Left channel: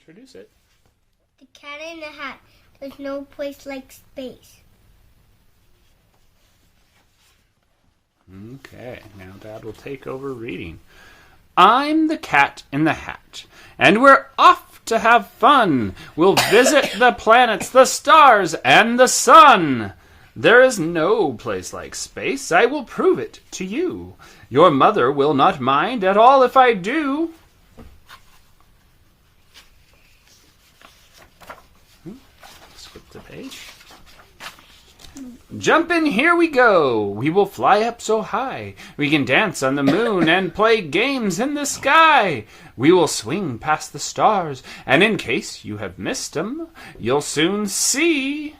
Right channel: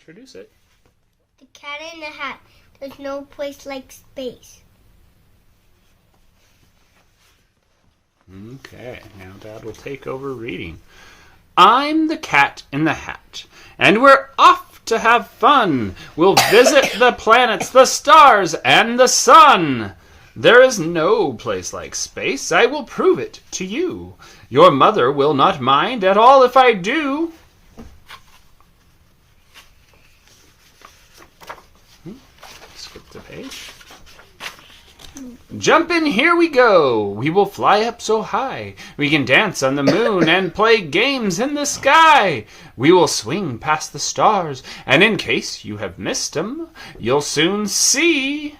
introduce it. The Cat in the Hat. There's no place like space. Okay, now Dad will take over reading. I'm the Cat in the Hat, and we're off to have fun. We'll visit the planets, the stars, and the sun. There is no place like space. I will prove it to you. Your mother will not mind at all if I do. Skip the page. Jump in, here we go. We will fly up so high. We can dance on the moon and play games in the sky. We will swing past the stars, and in case you have missed 'em, you'll soon see.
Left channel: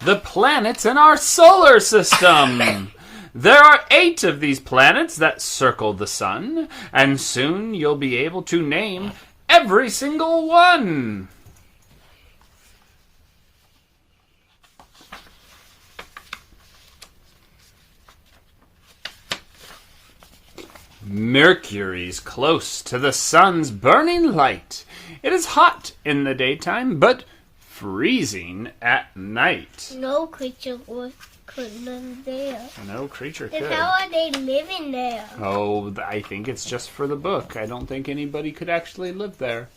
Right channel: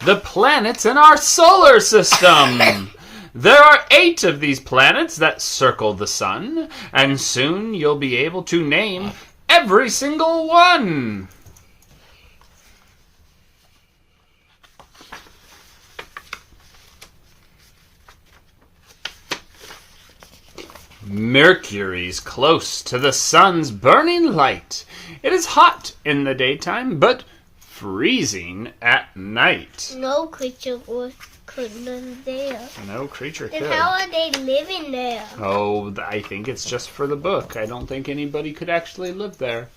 The planets in our solar system. There are 8 of these planets that circle the sun, and soon you'll be able to name every single one. Mercury's close to the sun's burning light. It is hot in the daytime, but freezing at night. No creature could live there. No creature could. Then how are they living there? Oh, I think it's just for the book. I don't think anybody could actually live there.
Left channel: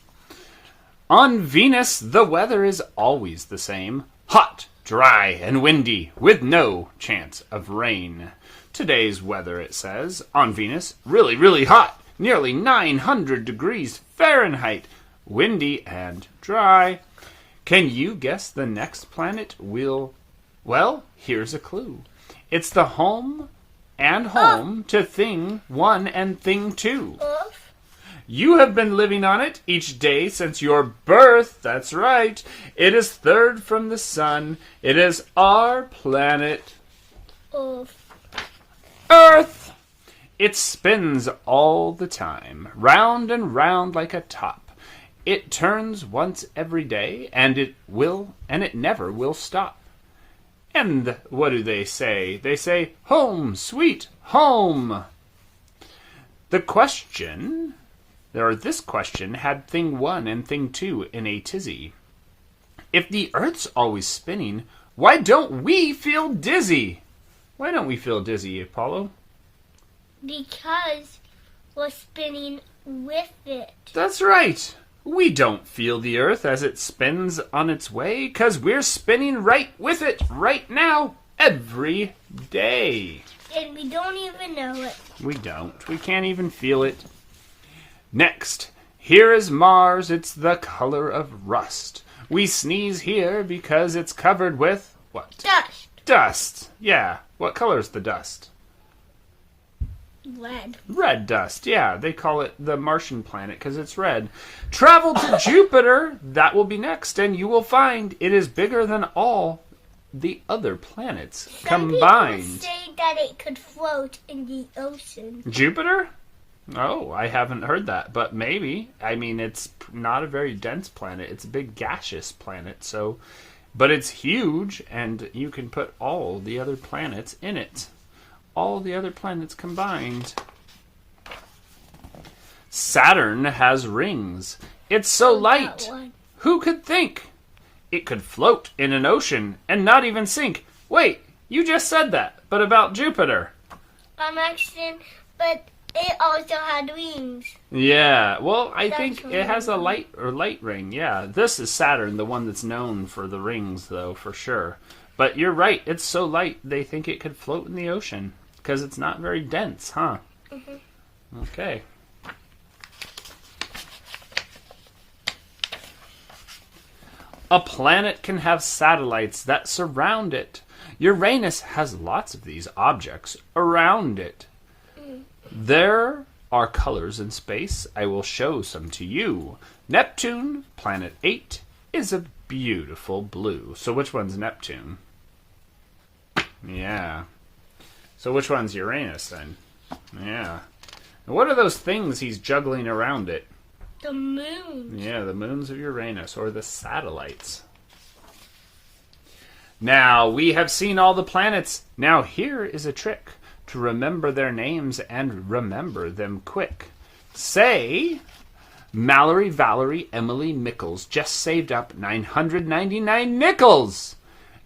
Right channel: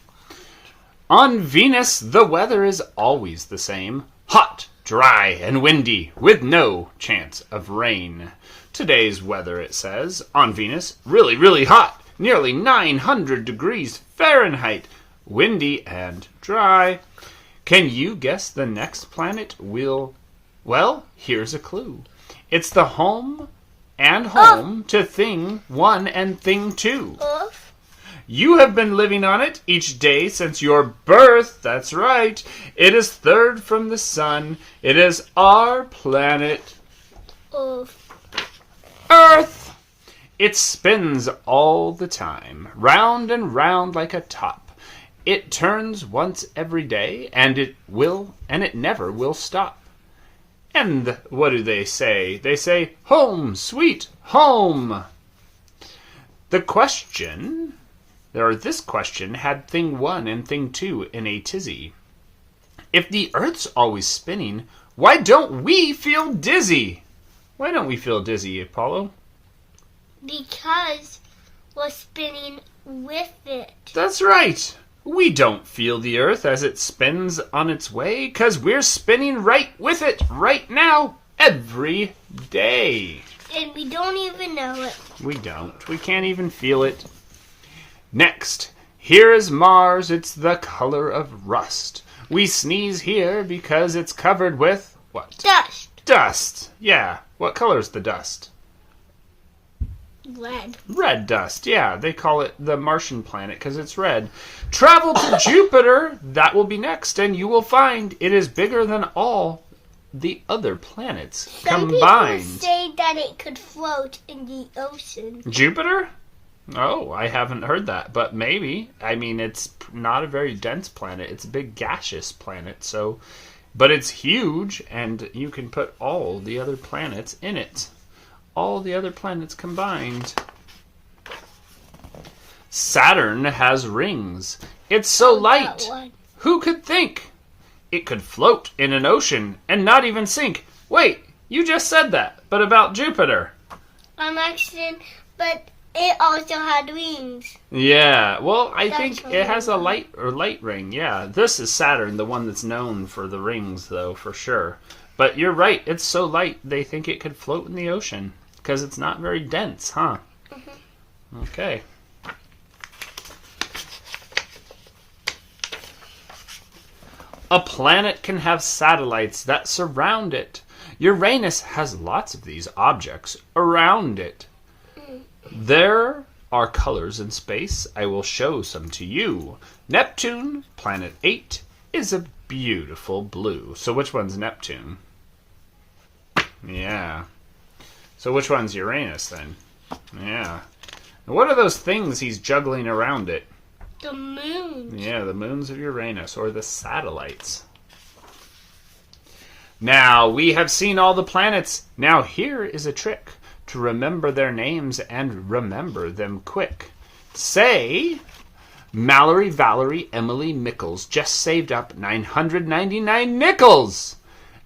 On Venus, the weather is always the same. Hot, dry, and windy, with no chance of rain. Today's weather, it says, on Venus, really, really hot. Nearly 900 degrees Fahrenheit. Windy and dry. Can you guess the next planet will... Well, here's a clue. It's the home to Thing 1 and Thing 2. Earth? You have been living on it each day since your birth. That's right. It is third from the sun. It is our planet. Earth. It spins all the time, round and round like a top. It turns once every day, and it never will stop. And what do they say? They say, home, sweet home. This question had Thing 1 and Thing 2 in a tizzy. If the Earth's always spinning, why don't we feel dizzy? Why don't we feel dizzy, Apollo? Because we're spinning with it. That's right. We don't feel the Earth as it spins on its way, 'cause we're spinning right with it right now, every day. And we don't even know it. We don't. We can't even feel it. Next, here is Mars. It's the color of rust. We sneeze here because it's covered with what? Dust. Dust. Yeah. What color is the dust? Red. Red dust, yeah. They call it the Martian planet because it's red. Travel to Jupiter. That will be next, and you will find it is bigger than all the other planets combined. Some people say that it could float in the ocean. Jupiter? Oh, I haven't heard that, but maybe. I mean, it's not a very dense planet. It's a big gaseous planet, so... But it's huge, and you can put all the other planets in it. All the other planets combined. Saturn has rings. It's so light. Who could think? It could float in an ocean and not even sink. Wait, you just said that, but about Jupiter. On accident, but it also had rings. Yeah, well, I think it has a light ring. Yeah, this is Saturn, the one that's known for the rings, though, for sure. But you're right, it's so light they think it could float in the ocean. Because it's not very dense, huh? Mm-hmm. Okay. A planet can have satellites that surround it. Uranus has lots of these objects around it. There are colors in space. I will show some to you. Neptune, planet 8, is a beautiful blue. So which one's Neptune? Yeah. So which one's Uranus, then? Yeah. What are those things he's juggling around it? The moons. Yeah, the moons of Uranus, or the satellites. Now, we have seen all the planets. Now, here is a trick. to remember their names and remember them quick. Say, Mallory, Valerie, Emily, Mickles just saved up 999 nickels.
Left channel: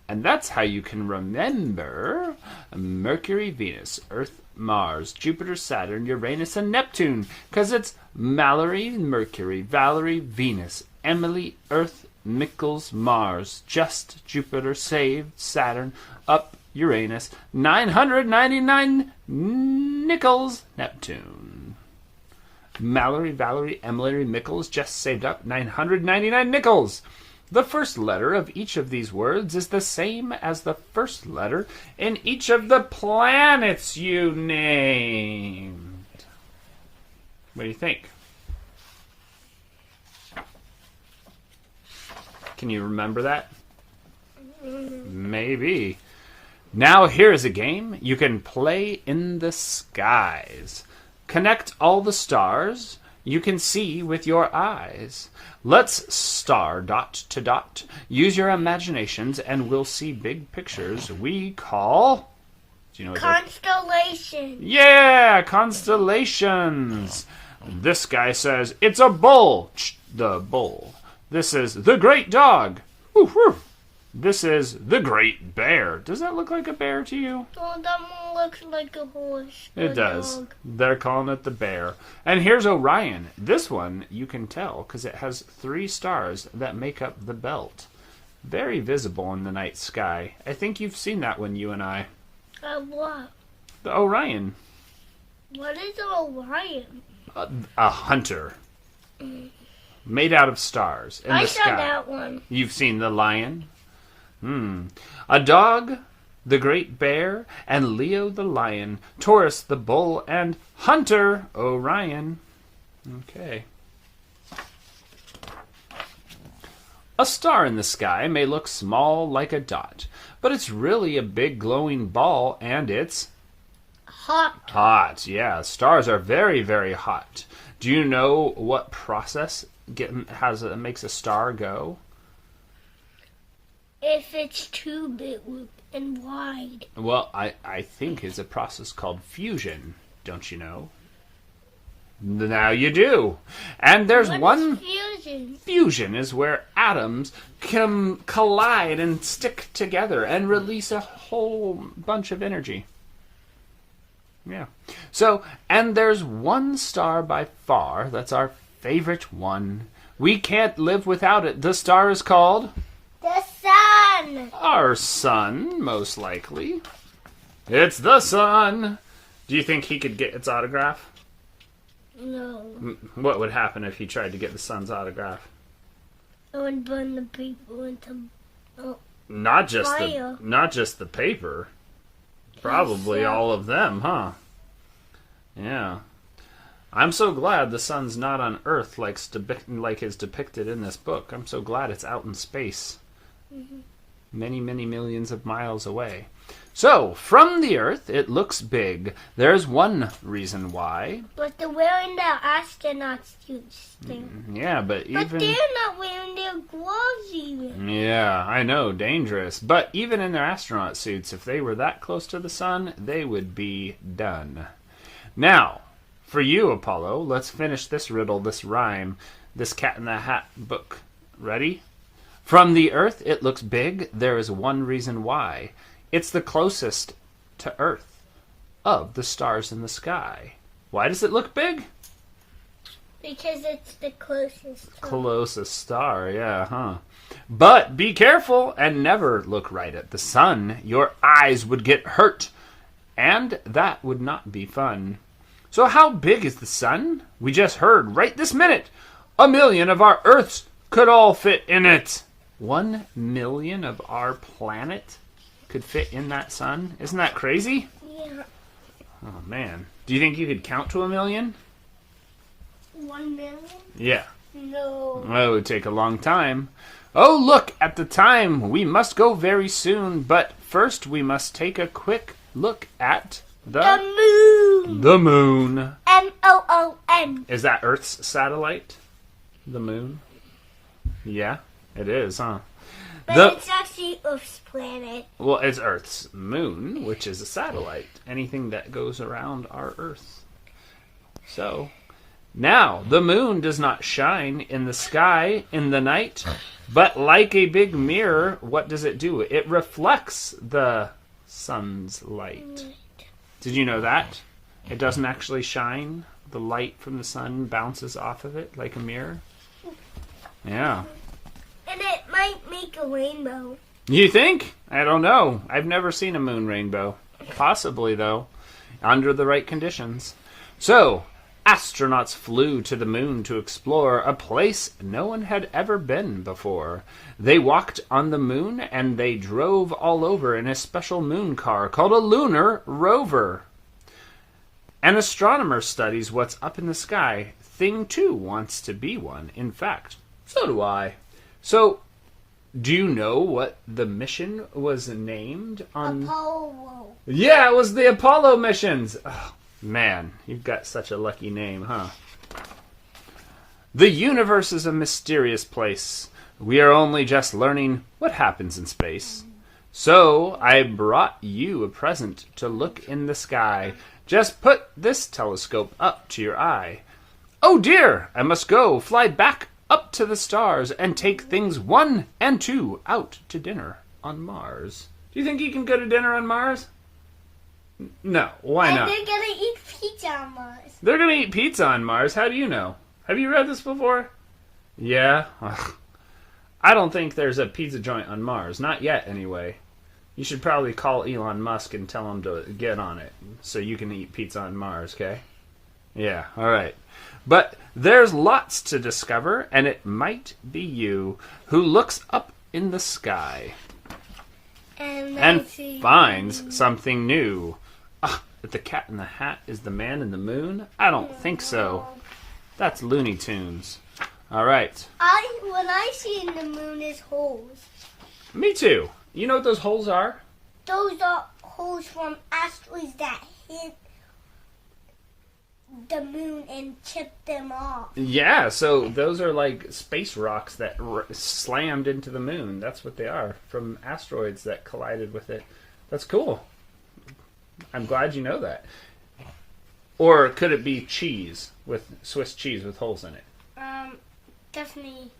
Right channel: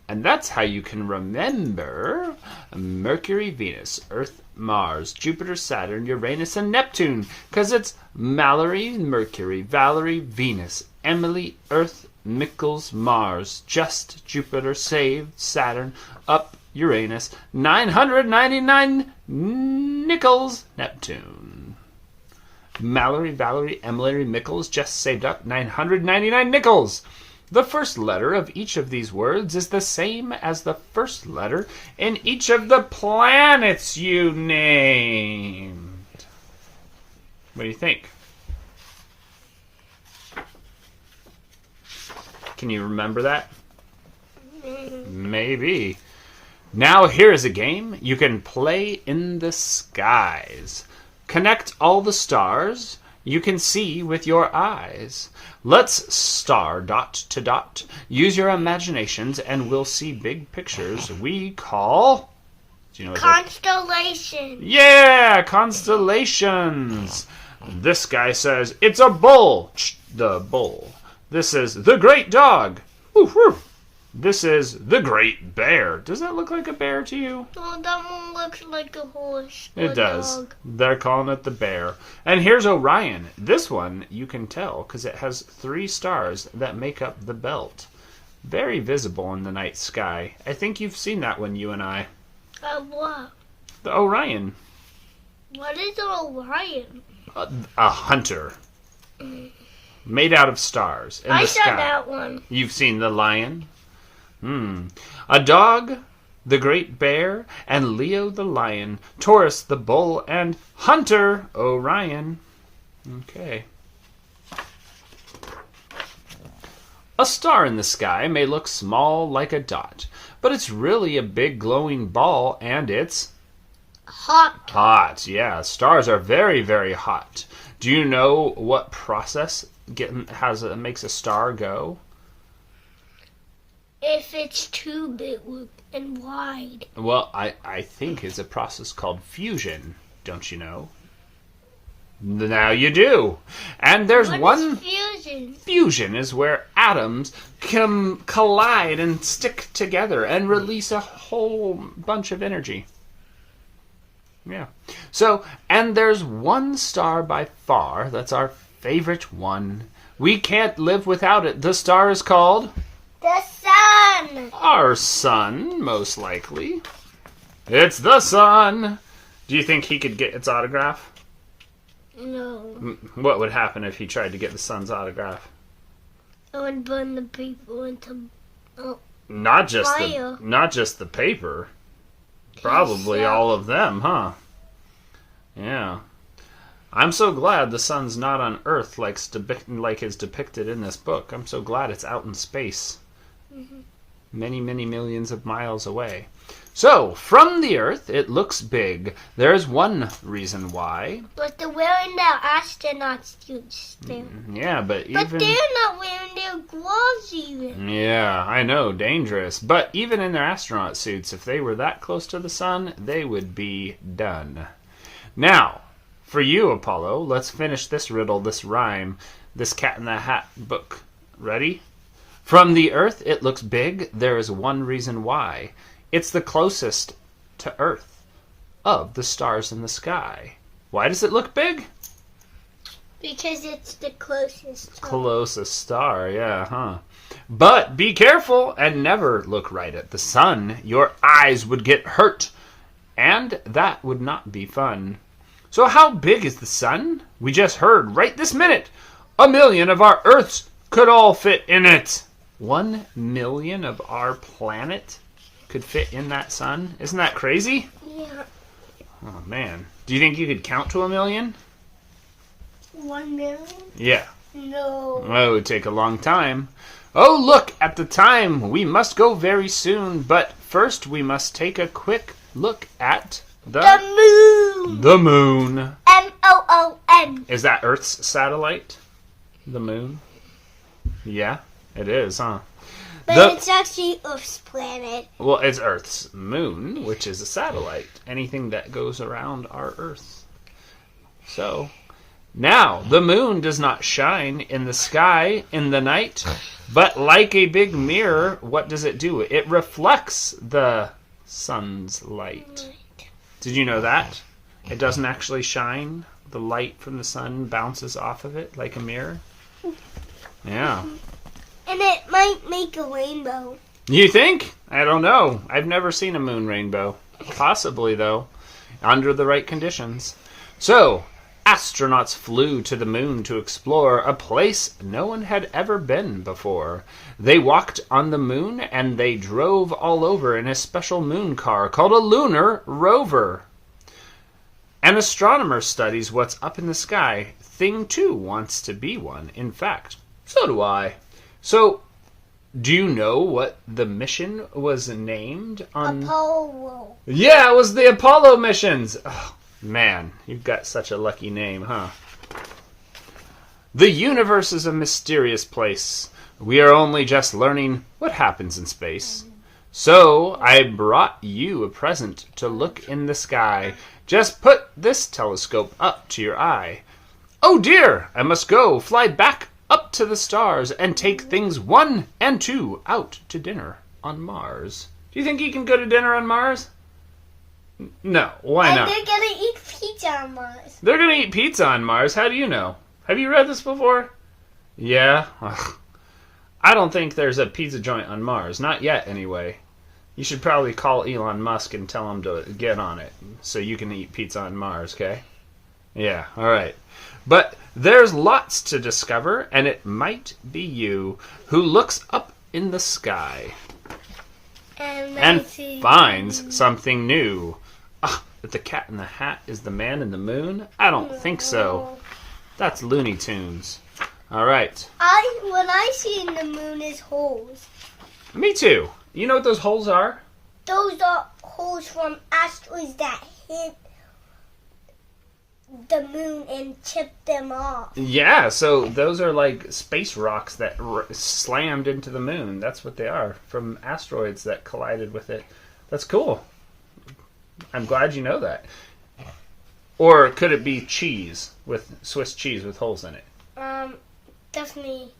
And that's how you can remember Mercury, Venus, Earth, Mars, Jupiter, Saturn, Uranus, and Neptune. Because it's Mallory, Mercury, Valerie, Venus, Emily, Earth, Mickles, Mars, just Jupiter, saved, Saturn, up, Uranus, 999 nickels, Neptune. Mallory, Valerie, Emily, Mickles just saved up 999 nickels. The first letter of each of these words is the same as the first letter in each of the planets you named. What do you think? Can you remember that? Maybe. Now here's a game you can play in the skies. Connect all the stars you can see with your eyes. Let's star dot to dot. Use your imaginations and we'll see big pictures we call... Do you know what Constellations. Yeah, constellations. This guy says, it's a bull. The bull. This is the great dog. Woof, woof. This is the great bear. Does that look like a bear to you? Oh, that one looks like a horse. It does. Dog. They're calling it the bear. And here's Orion. This one you can tell because it has 3 stars that make up the belt. Very visible in the night sky. I think you've seen that one, you and I. What? The Orion. What is an Orion? A hunter. Made out of stars in I the saw sky. that one. You've seen the lion? A dog, the great bear, and Leo the lion, Taurus the bull, and Hunter Orion. Okay. A star in the sky may look small like a dot, but it's really a big glowing ball, and it's hot. Hot, yeah. Stars are very, very hot. Do you know what process makes a star go? If it's too big and wide. Well, I think it's a process called fusion, don't you know? Now you do. And there's What is fusion? Fusion is where atoms can collide and stick together and release a whole bunch of energy. Yeah. So, and there's one star by far that's our favorite one. We can't live without it. The star is called... The sun. Our sun, most likely. It's the sun. Do you think he could get its autograph? No. What would happen if he tried to get the sun's autograph? It would burn the paper into Not just fire. Not just the paper. Probably all of them, huh? Yeah. I'm so glad the sun's not on Earth like is depicted in this book. I'm so glad it's out in space. Mm-hmm. Many, many millions of miles away. So, from the Earth, it looks big. There's one reason why. But they're wearing their astronaut suits still. Yeah, but they're not wearing their gloves even. Yeah, I know, dangerous. But even in their astronaut suits, if they were that close to the sun, they would be done. Now, for you, Apollo, let's finish this riddle, this rhyme, this Cat in the Hat book. Ready? From the Earth, it looks big. There is one reason why. It's the closest to Earth of the stars in the sky. Why does it look big? Because it's the closest. Closest star, yeah, huh? But be careful and never look right at the sun. Your eyes would get hurt, and that would not be fun. So how big is the sun? We just heard right this minute. 1 million of our Earths could all fit in it. 1 million of our planet could fit in that sun? Isn't that crazy? Yeah. Oh, man. Do you think you could count to 1 million? 1 million? Yeah. No. Well, it would take a long time. Oh, look, at the time. We must go very soon. But first, we must take a quick look at the moon. The moon. M-O-O-N. Is that Earth's satellite? The moon? Yeah, it is, huh? But it's actually Earth's planet. Well, it's Earth's moon, which is a satellite. Anything that goes around our Earth. So, now, the moon does not shine in the sky in the night, but like a big mirror, what does it do? It reflects the sun's light. Did you know that? It doesn't actually shine. The light from the sun bounces off of it like a mirror. Yeah. And it might make a rainbow. You think? I don't know. I've never seen a moon rainbow. Possibly, though, under the right conditions. So, astronauts flew to the moon to explore a place no one had ever been before. They walked on the moon and they drove all over in a special moon car called a lunar rover. An astronomer studies what's up in the sky. Thing 2 wants to be one. In fact, so do I. So, do you know what the mission was named on? Apollo. Yeah, it was the Apollo missions. Oh, man, you've got such a lucky name, huh? The universe is a mysterious place. We are only just learning what happens in space. So, I brought you a present to look in the sky. Just put this telescope up to your eye. Oh dear, I must go fly back up to the stars and take things 1 and 2 out to dinner on Mars. Do you think you can go to dinner on Mars? No, why not? And they're gonna eat pizza on Mars. They're gonna eat pizza on Mars. How do you know? Have you read this before? Yeah? Ugh. I don't think there's a pizza joint on Mars. Not yet, anyway. You should probably call Elon Musk and tell him to get on it so you can eat pizza on Mars, okay? Yeah, alright. But there's lots to discover, and it might be you who looks up in the sky and finds something new. But the Cat in the Hat is the man in the moon? I don't think so. That's Looney Tunes. Alright. What I see in the moon is holes. Me too. You know what those holes are? Those are holes from asteroids that hit the moon and chipped them off. Yeah, so those are like space rocks that slammed into the moon. That's what they are, from asteroids that collided with it. That's cool. I'm glad you know that. Or could it be cheese, with Swiss cheese with holes in it? Definitely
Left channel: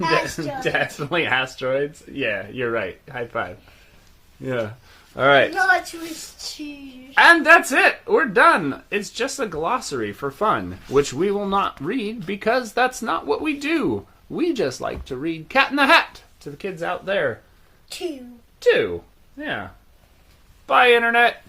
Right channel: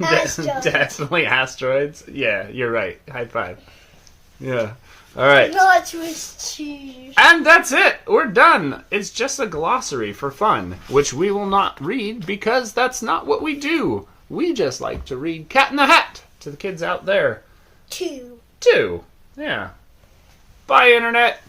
asteroids. Definitely asteroids. Yeah, you're right. High five. Yeah. All right. Not Swiss cheese. And that's it. We're done. It's just a glossary for fun, which we will not read because that's not what we do. We just like to read Cat in the Hat to the kids out there. Two. Yeah. Bye, Internet.